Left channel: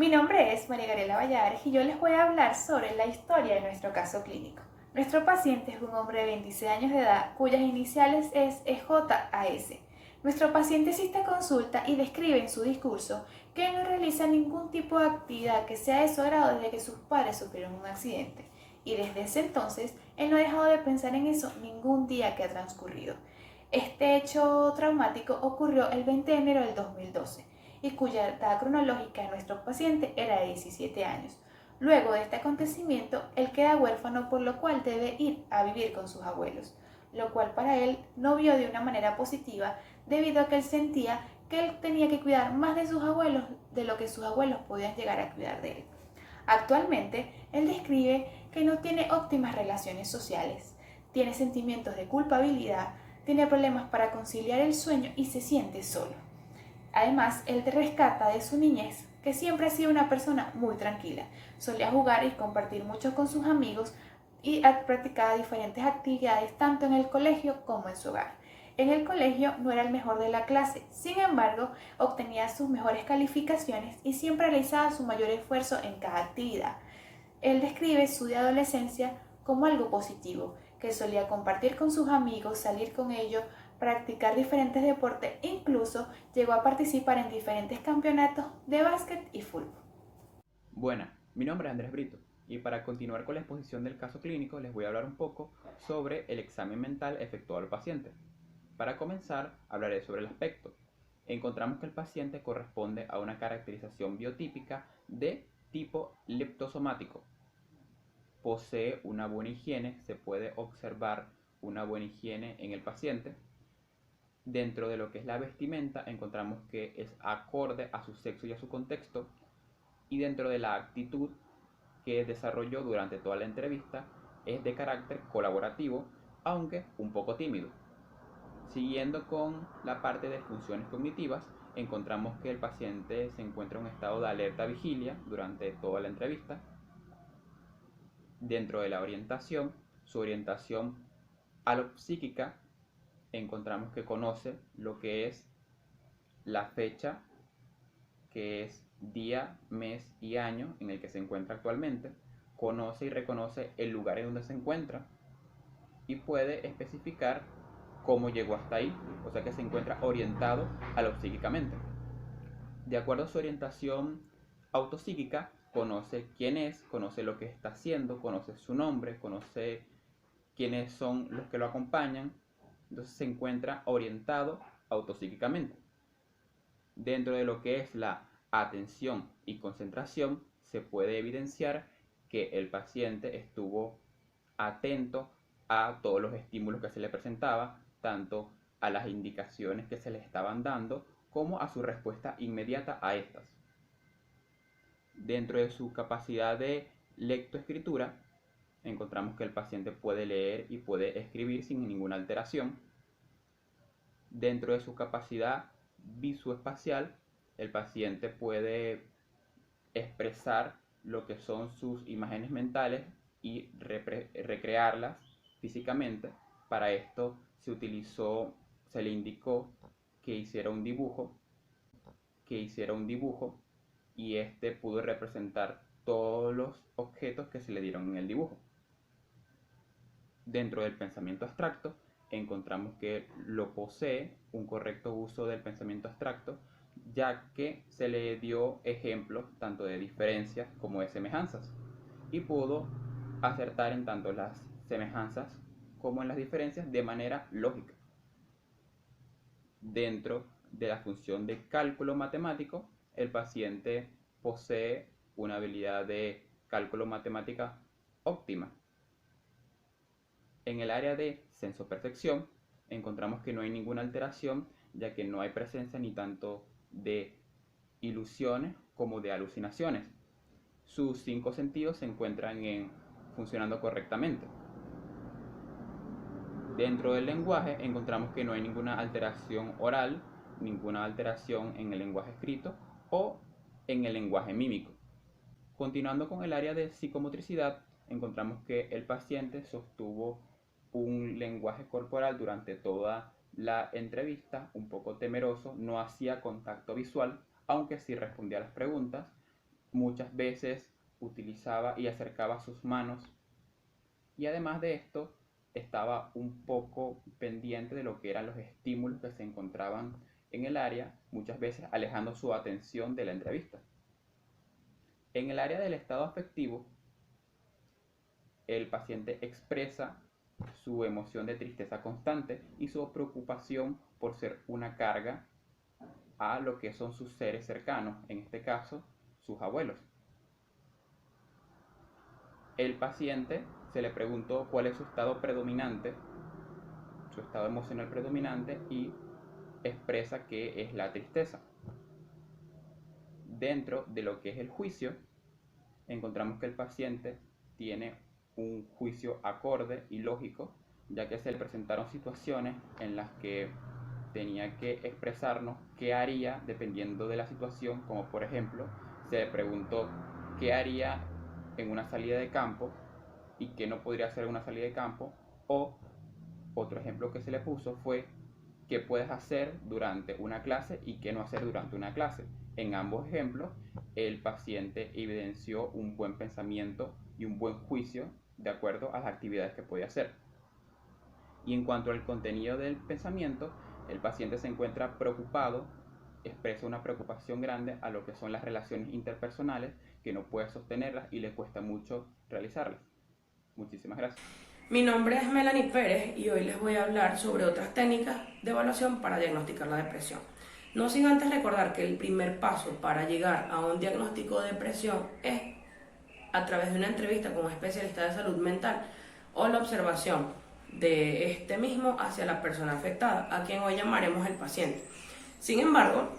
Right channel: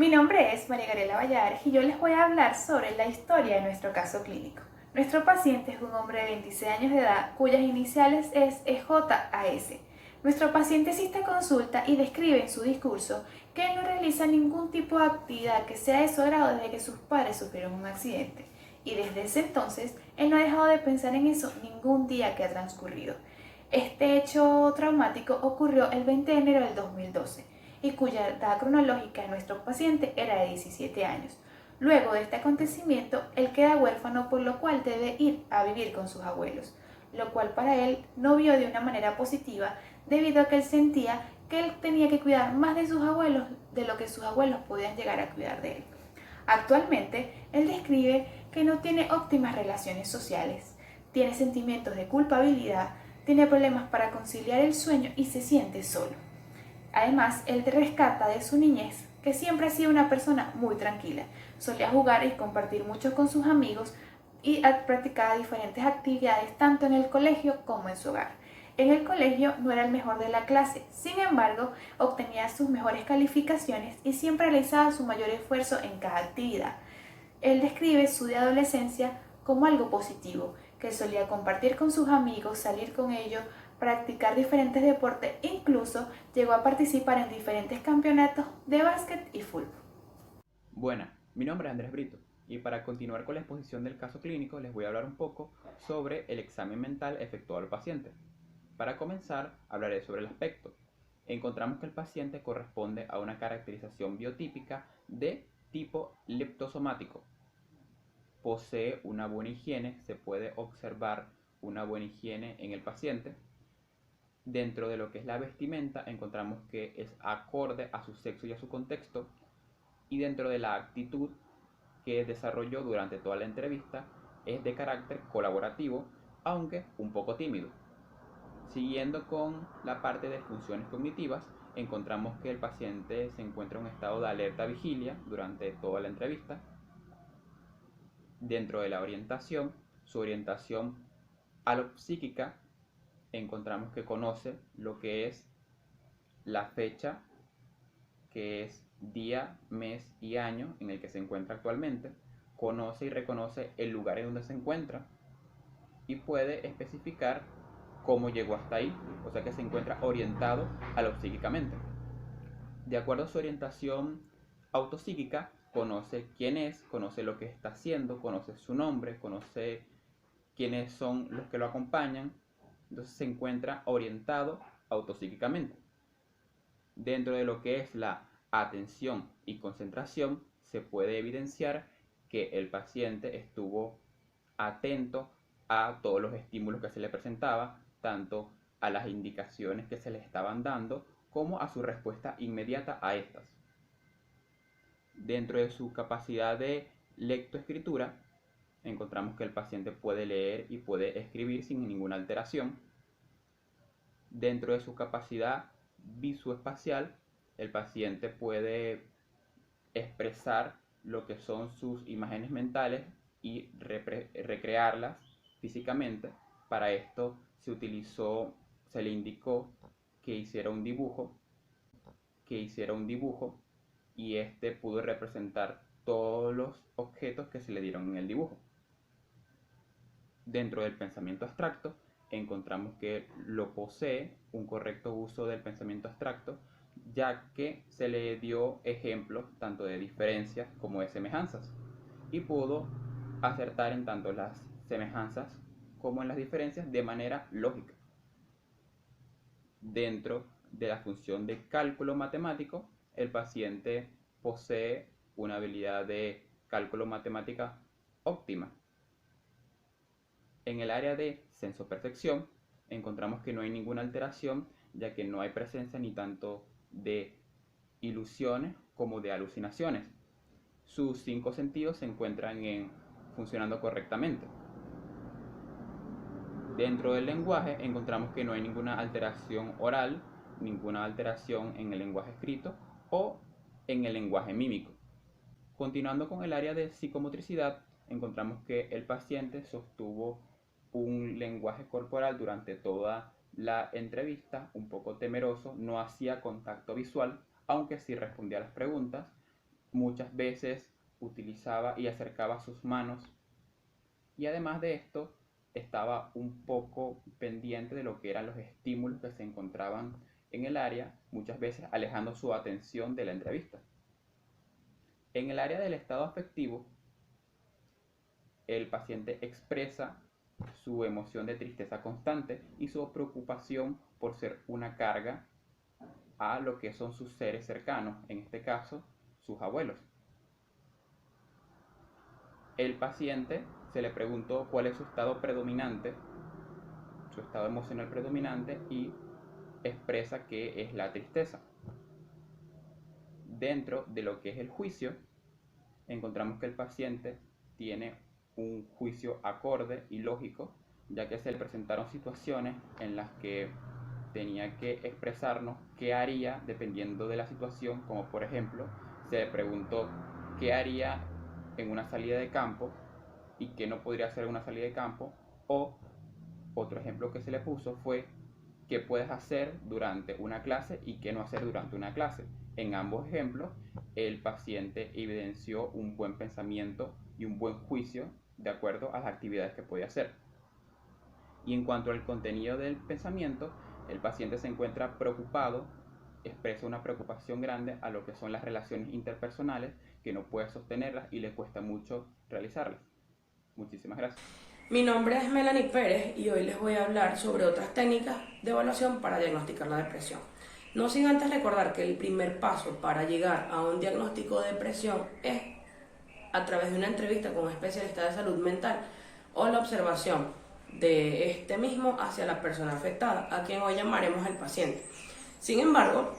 Mi nombre es María Gabriela Valladares y yo les voy a hablar sobre la historia de nuestro caso clínico. Nuestro paciente es un hombre de 26 años de edad cuyas iniciales es EJAS. Nuestro paciente asiste a consulta y describe en su discurso que él no realiza ningún tipo de actividad que sea de su agrado desde que sus padres sufrieron un accidente. Y desde ese entonces, él no ha dejado de pensar en eso ningún día que ha transcurrido. Este hecho traumático ocurrió el 20 de enero del 2012 y cuya edad cronológica de nuestro paciente era de 17 años. Luego de este acontecimiento, él queda huérfano, por lo cual debe ir a vivir con sus abuelos, lo cual para él no vio de una manera positiva debido a que él sentía que él tenía que cuidar más de sus abuelos de lo que sus abuelos podían llegar a cuidar de él. Actualmente, él describe que no tiene óptimas relaciones sociales, tiene sentimientos de culpabilidad, tiene problemas para conciliar el sueño y se siente solo. Además, él te rescata de su niñez, que siempre ha sido una persona muy tranquila. Solía jugar y compartir mucho con sus amigos y practicaba diferentes actividades tanto en el colegio como en su hogar. En el colegio no era el mejor de la clase, sin embargo, obtenía sus mejores calificaciones y siempre realizaba su mayor esfuerzo en cada actividad. Él describe su de adolescencia como algo positivo, que solía compartir con sus amigos, salir con ellos, practicar diferentes deportes e incluso llegó a participar en diferentes campeonatos de básquet y fútbol. Buenas, mi nombre es Andrés Brito y para continuar con la exposición del caso clínico les voy a hablar un poco sobre el examen mental efectuado al paciente. Para comenzar, hablaré sobre el aspecto. Encontramos que el paciente corresponde a una caracterización biotípica de tipo leptosomático. Posee una buena higiene, se puede observar una buena higiene en el paciente. Dentro de lo que es la vestimenta, encontramos que es acorde a su sexo y a su contexto. Y dentro de la actitud que desarrolló durante toda la entrevista, es de carácter colaborativo, aunque un poco tímido. Siguiendo con la parte de funciones cognitivas, encontramos que el paciente se encuentra en un estado de alerta vigilia durante toda la entrevista. Dentro de la orientación, su orientación alopsíquica, encontramos que conoce lo que es la fecha, que es día, mes y año en el que se encuentra actualmente, conoce y reconoce el lugar en donde se encuentra y puede especificar cómo llegó hasta ahí, o sea que se encuentra orientado alopsíquicamente. De acuerdo a su orientación autopsíquica, conoce quién es, conoce lo que está haciendo, conoce su nombre, conoce quiénes son los que lo acompañan, entonces se encuentra orientado autopsíquicamente. Dentro de lo que es la atención y concentración, se puede evidenciar que el paciente estuvo atento a todos los estímulos que se le presentaba, tanto a las indicaciones que se le estaban dando, como a su respuesta inmediata a estas. Dentro de su capacidad de lectoescritura, encontramos que el paciente puede leer y puede escribir sin ninguna alteración. Dentro de su capacidad visoespacial, el paciente puede expresar lo que son sus imágenes mentales y recrearlas físicamente. Para esto se le indicó que hiciera un dibujo y este pudo representar todos los objetos que se le dieron en el dibujo. Dentro del pensamiento abstracto, encontramos que lo posee un correcto uso del pensamiento abstracto, ya que se le dio ejemplos tanto de diferencias como de semejanzas, y pudo acertar en tanto las semejanzas como en las diferencias de manera lógica. Dentro de la función de cálculo matemático, el paciente posee una habilidad de cálculo matemática óptima. En el área de sensopercepción encontramos que no hay ninguna alteración, ya que no hay presencia ni tanto de ilusiones como de alucinaciones. Sus 5 sentidos se encuentran funcionando correctamente. Dentro del lenguaje encontramos que no hay ninguna alteración oral, ninguna alteración en el lenguaje escrito o en el lenguaje mímico. Continuando con el área de psicomotricidad, encontramos que el paciente sostuvo un lenguaje corporal durante toda la entrevista, un poco temeroso, no hacía contacto visual, aunque sí respondía a las preguntas, muchas veces utilizaba y acercaba sus manos, y además de esto estaba un poco pendiente de lo que eran los estímulos que se encontraban en el área, muchas veces alejando su atención de la entrevista. En el área del estado afectivo, el paciente expresa su emoción de tristeza constante y su preocupación por ser una carga a lo que son sus seres cercanos, en este caso, sus abuelos. El paciente se le preguntó cuál es su estado predominante, su estado emocional predominante, y expresa que es la tristeza. Dentro de lo que es el juicio, encontramos que el paciente tiene un juicio acorde y lógico, ya que se le presentaron situaciones en las que tenía que expresarnos qué haría dependiendo de la situación, como por ejemplo, se le preguntó qué haría en una salida de campo y qué no podría hacer en una salida de campo, o otro ejemplo que se le puso fue qué puedes hacer durante una clase y qué no hacer durante una clase. En ambos ejemplos, el paciente evidenció un buen pensamiento y un buen juicio de acuerdo a las actividades que podía hacer. Y en cuanto al contenido del pensamiento, el paciente se encuentra preocupado, expresa una preocupación grande a lo que son las relaciones interpersonales, que no puede sostenerlas y le cuesta mucho realizarlas. Muchísimas gracias. Mi nombre es Melanie Pérez y hoy les voy a hablar sobre otras técnicas de evaluación para diagnosticar la depresión. No sin antes recordar que el primer paso para llegar a un diagnóstico de depresión es a través de una entrevista con un especialista de salud mental o la observación de este mismo hacia la persona afectada, a quien hoy llamaremos el paciente. Sin embargo,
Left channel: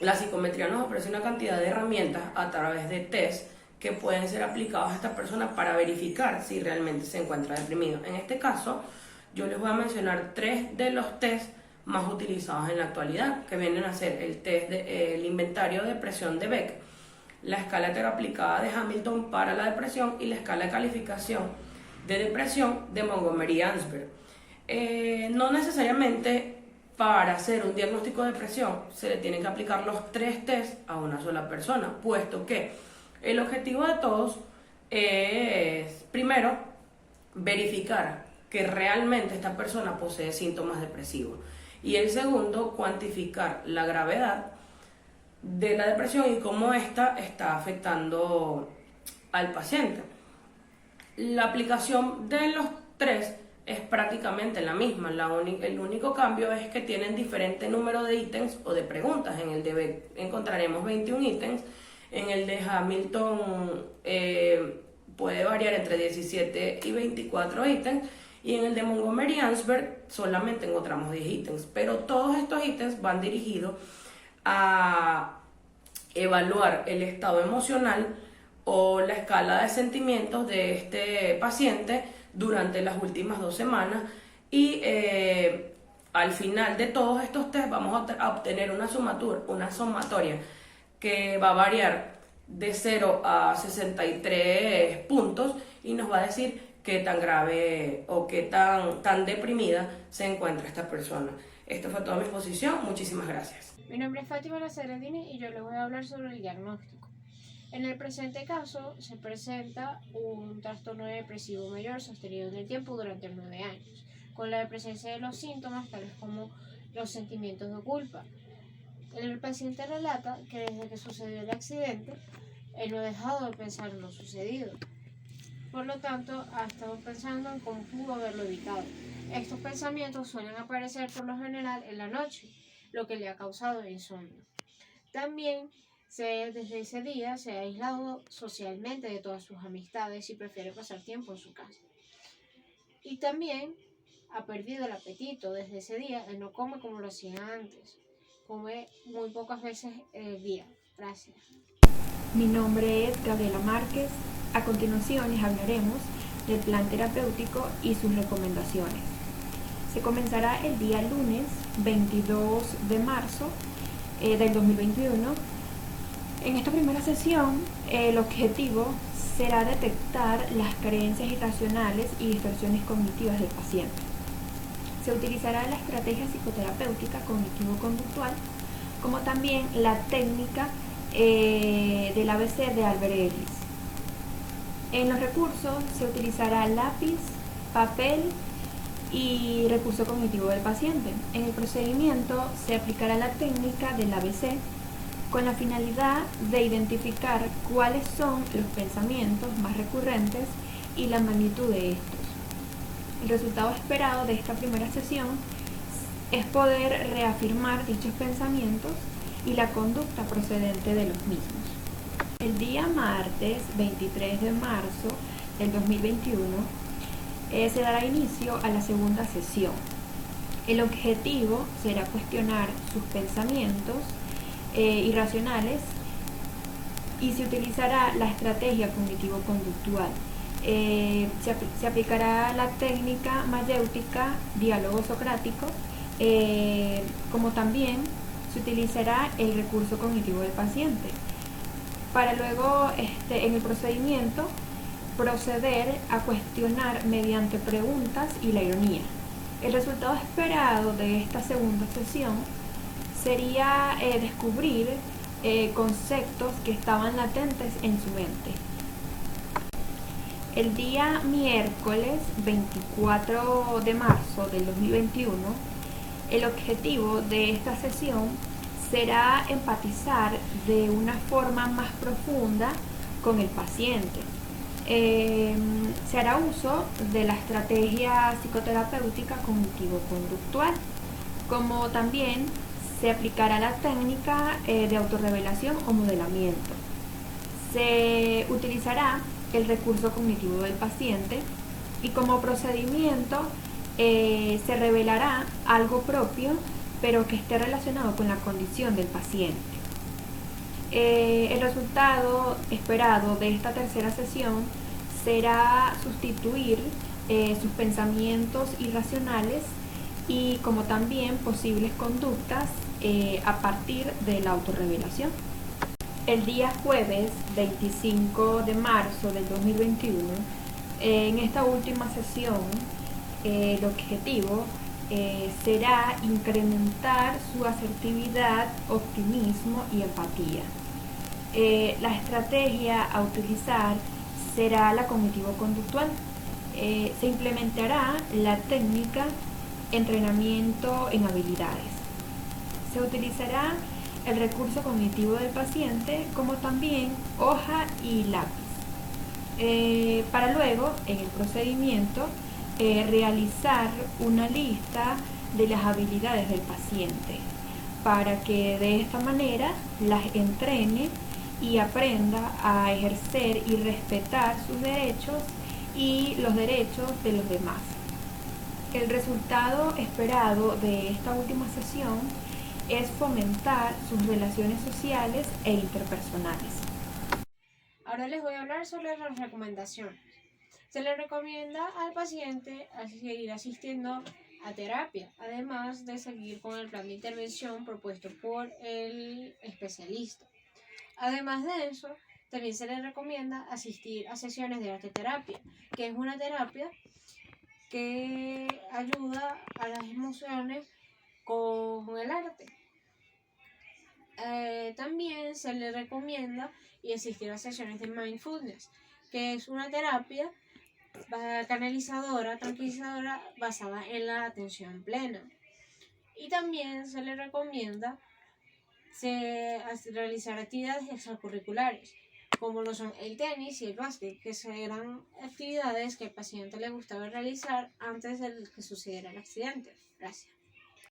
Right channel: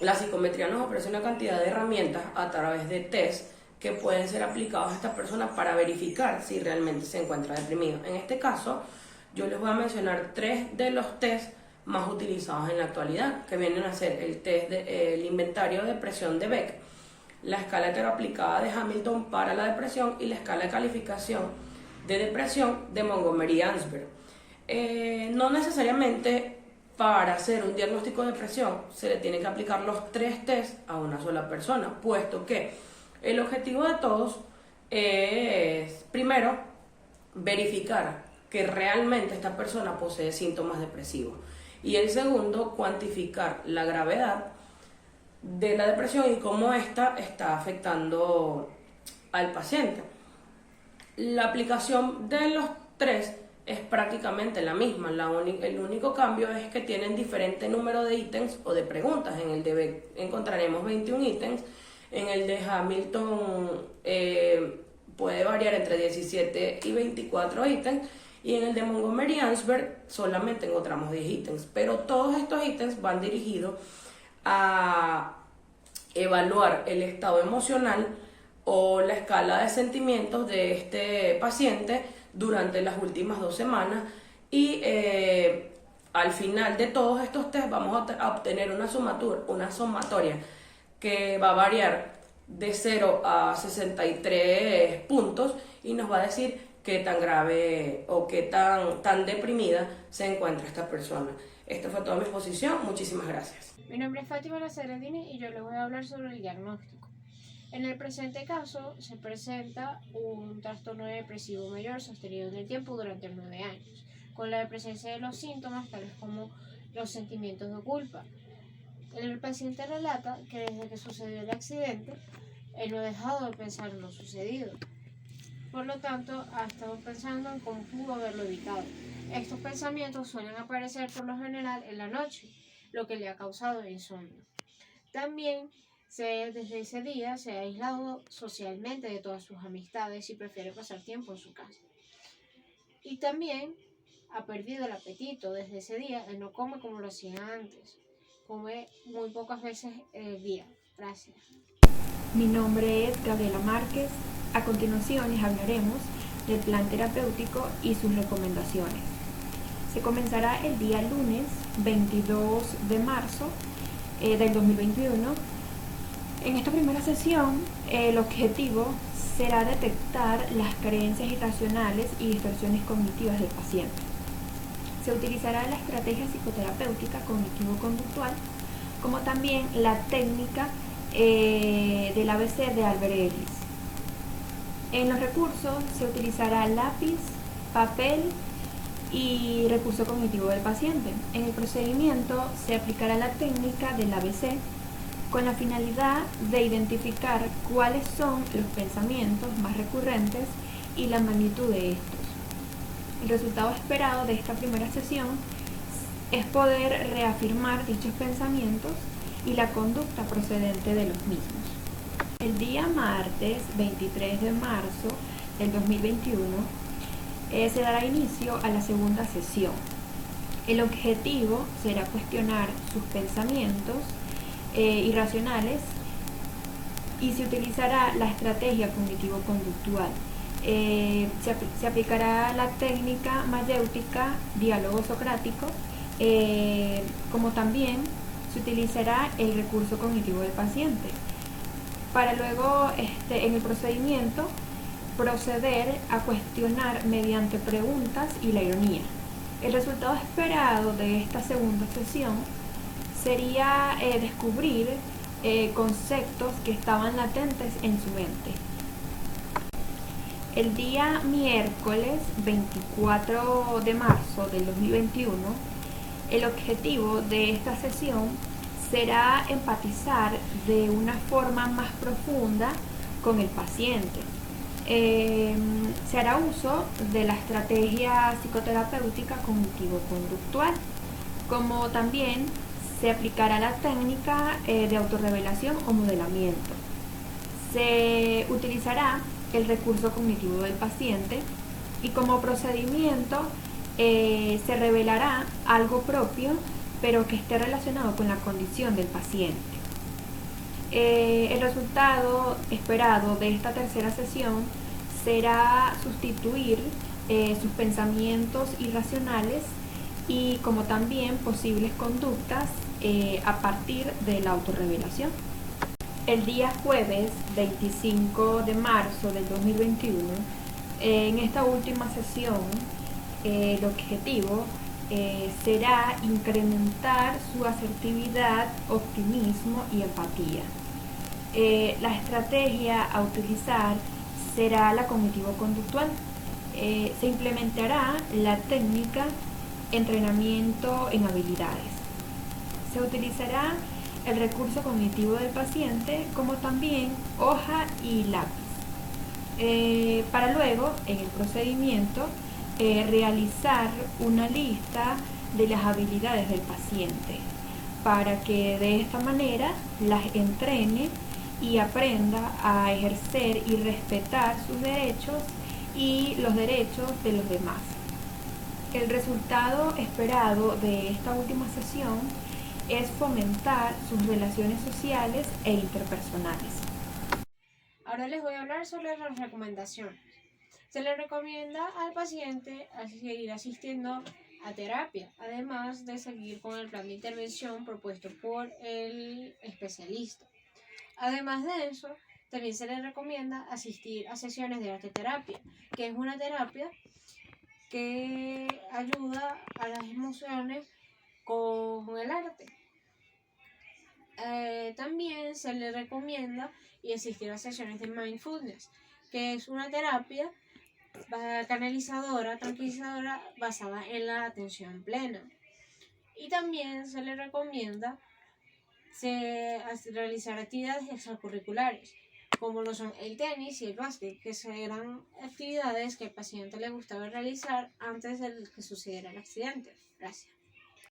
la psicometría nos ofrece una cantidad de herramientas a través de test que pueden ser aplicados a esta persona para verificar si realmente se encuentra deprimido. En este caso, yo les voy a mencionar 3 de los test más utilizados en la actualidad, que vienen a ser el test el inventario de depresión de Beck, la escala aplicada de Hamilton para la depresión y la escala de calificación de depresión de Montgomery-Åsberg. No necesariamente para hacer un diagnóstico de depresión se le tienen que aplicar los 3 test a una sola persona, puesto que el objetivo de todos es, primero, verificar que realmente esta persona posee síntomas depresivos, y el segundo, cuantificar la gravedad de la depresión y cómo ésta está afectando al paciente. La aplicación de los 3 es prácticamente la misma, el único cambio es que tienen diferente número de ítems o de preguntas. En el de Beck encontraremos 21 ítems, en el de Hamilton puede variar entre 17 y 24 ítems, y en el de Montgomery-Åsberg solamente encontramos 10 ítems, pero todos estos ítems van dirigidos a evaluar el estado emocional o la escala de sentimientos de este paciente durante las últimas 2 semanas, y al final de todos estos test vamos a obtener una sumatoria que va a variar de 0 a 63 puntos y nos va a decir qué tan grave o qué tan deprimida se encuentra esta persona. Esta fue toda mi exposición. Muchísimas gracias. Mi nombre es Fátima Lazaredini y yo les voy a hablar sobre el diagnóstico. En el presente caso se presenta un trastorno depresivo mayor sostenido en el tiempo durante 9 años, con la presencia de los síntomas tales como los sentimientos de culpa. El paciente relata que desde que sucedió el accidente, él no ha dejado de pensar en lo sucedido. Por lo tanto, ha estado pensando en cómo pudo haberlo evitado. Estos pensamientos suelen aparecer por lo general en la noche, lo que le ha causado insomnio. También desde ese día se ha aislado socialmente de todas sus amistades y prefiere pasar tiempo en su casa. Y también ha perdido el apetito. Desde ese día él no come como lo hacía antes. Come muy pocas veces el día. Gracias. Mi nombre es Gabriela Márquez. A continuación les hablaremos del plan terapéutico y sus recomendaciones. Se comenzará el día lunes 22 de marzo del 2021. En esta primera sesión, el objetivo será detectar las creencias irracionales y distorsiones cognitivas del paciente. Se utilizará la estrategia psicoterapéutica cognitivo-conductual, como también la técnica del ABC de Albert Ellis. En los recursos se utilizará lápiz, papel y recurso cognitivo del paciente. En el procedimiento se aplicará la técnica del ABC con la finalidad de identificar cuáles son los pensamientos más recurrentes y la magnitud de estos. El resultado esperado de esta primera sesión es poder reafirmar dichos pensamientos y la conducta procedente de los mismos. El día martes 23 de marzo del 2021 se dará inicio a la segunda sesión. El objetivo será cuestionar sus pensamientos irracionales y se utilizará la estrategia cognitivo-conductual. Se aplicará la técnica mayéutica, diálogo socrático, como también se utilizará el recurso cognitivo del paciente, para luego en el procedimiento proceder a cuestionar mediante preguntas y la ironía. El resultado esperado de esta segunda sesión sería descubrir conceptos que estaban latentes en su mente. El día miércoles 24 de marzo del 2021, el objetivo de esta sesión será empatizar de una forma más profunda con el paciente. Se hará uso de la estrategia psicoterapéutica cognitivo-conductual, como también se aplicará la técnica de autorrevelación o modelamiento. Se utilizará el recurso cognitivo del paciente y como procedimiento se revelará algo propio pero que esté relacionado con la condición del paciente. El resultado esperado de esta tercera sesión será sustituir sus pensamientos irracionales y como también posibles conductas a partir de la autorrevelación. El día jueves 25 de marzo del 2021, en esta última sesión, el objetivo será incrementar su asertividad, optimismo y empatía. La estrategia a utilizar será la cognitivo-conductual. Se implementará la técnica entrenamiento en habilidades. Se utilizará el recurso cognitivo del paciente como también hoja y lápiz. Para luego, en el procedimiento, realizar una lista de las habilidades del paciente para que de esta manera las entrene y aprenda a ejercer y respetar sus derechos y los derechos de los demás. El resultado esperado de esta última sesión es fomentar sus relaciones sociales e interpersonales. Ahora les voy a hablar sobre las recomendaciones. Se le recomienda al paciente a seguir asistiendo a terapia, además de seguir con el plan de intervención propuesto por el especialista. Además de eso, también se le recomienda asistir a sesiones de arte terapia, que es una terapia que ayuda a las emociones con el arte. También se le recomienda asistir a sesiones de mindfulness, que es una terapia canalizadora, tranquilizadora, basada en la atención plena. Y también se le recomienda realizar actividades extracurriculares, como lo son el tenis y el básquet, que serán actividades que al paciente le gustaba realizar antes de que sucediera el accidente. Gracias.